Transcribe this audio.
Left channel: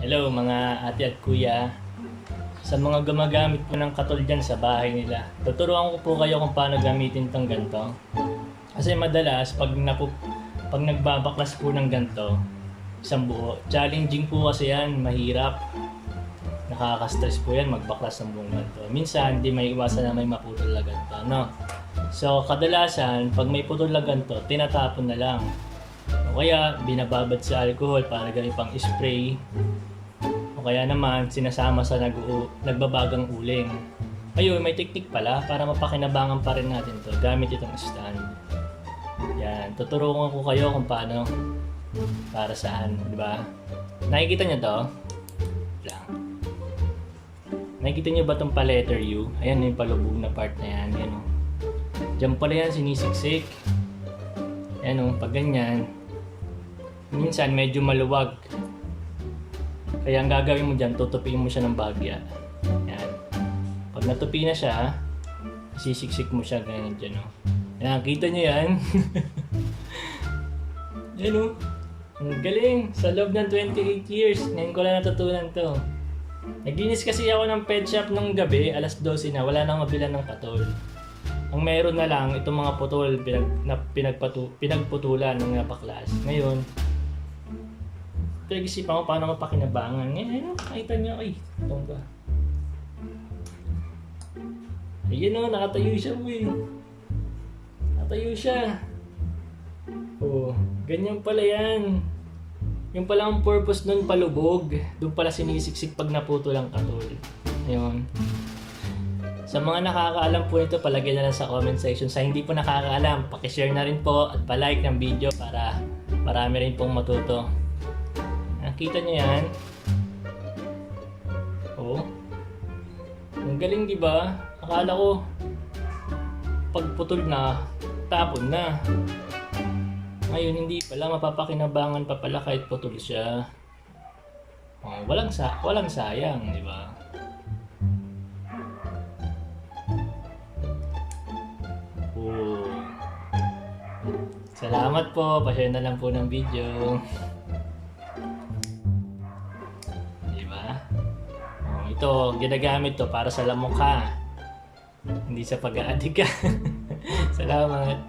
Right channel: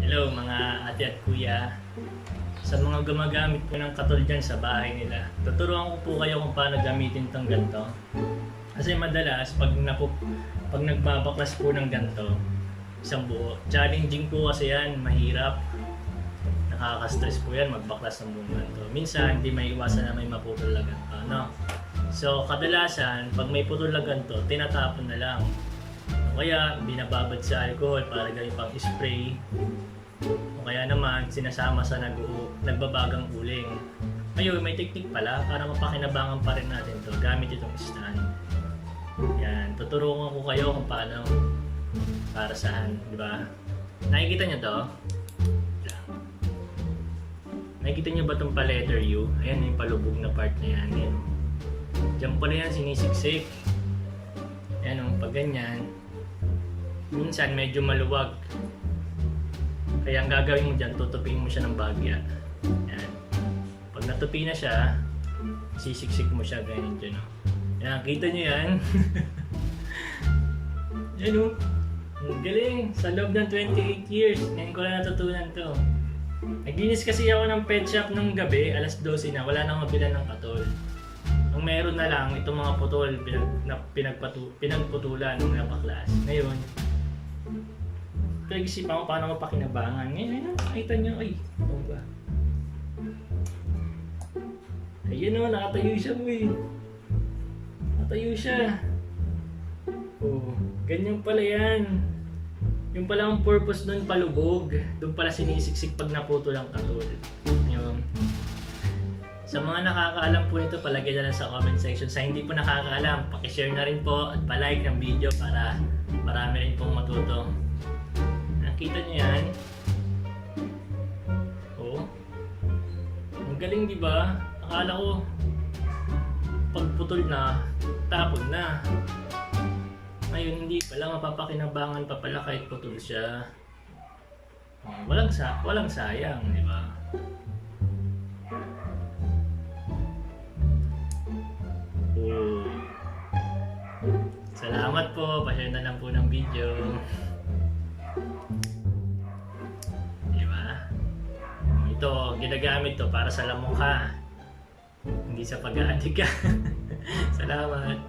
Hello mga ate at kuya. Sa mga gumagamit po ng katol dyan sa bahay nila, tuturuan ko po kayo kung paano gamitin tong ganito. Kasi madalas, pag, napu, pag nagbabaklas po ng ganito, isang buo, challenging po kasi yan, mahirap. Nakaka-stress po yan magbaklas ng buong ganito. Minsan, hindi may iwasan na may maputol na ganito, no? So, kadalasan, pag may putol na ganito, tinatapon na lang. O kaya, binababad sa alcohol para gawin pang spray. O kaya naman, sinasama sa nag nagbabagang uling. Ayun, may teknik pala para mapakinabangan pa rin natin ito gamit itong stand. Yan, tuturuan ko kayo kung paano para saan, di ba? Nakikita niyo to? Nakikita niyo ba itong pa letter U? Ayan yung palubog na part na yan. Yan o. Diyan pala yan sinisiksik. Ayan o, pag ganyan. Minsan medyo maluwag. Kaya ang gagawin mo dyan, tutupiin mo siya ng bagya. Yan. Pag natupi na siya, sisiksik mo siya ganyan dyan o. Yan, kita niyo yan. yan o. Ang galing. Sa loob ng 28 years, ngayon ko lang natutunan to. Naglinis kasi ako ng pet shop nung gabi, alas 12 na, wala nang mabilan ng patol. Ang meron na lang, itong mga putol, pinag, na, pinagpatu, pinagputulan ng napaklas. Ngayon, pinag-isipan ko paano mapakinabangan. Ngayon, ayun, nakita nyo, ay, ito ba? Ayun o, nakatayo siya mo eh. Nakatayo siya. Oh, ganyan pala yan. Yung pala ang purpose nun palubog. Doon pala sinisiksik pag naputol ang katol. Yun. Sa mga nakakaalam po nito, palagay na lang sa comment section. Sa hindi po nakakaalam, pakishare na rin po at palike ng video para marami rin pong matuto. Nakita niyo yan? Oo. Ang galing di ba? Akala ko pagputol na, tapon na. Ngayon hindi pala mapapakinabangan pa pala kahit putol siya. Oh, walang sa walang sayang, di ba? Oh. Salamat po, pa-share na lang po ng video. Ito, ginagamit to para sa lamok ha. Hindi sa pag-aadik ka. Salamat.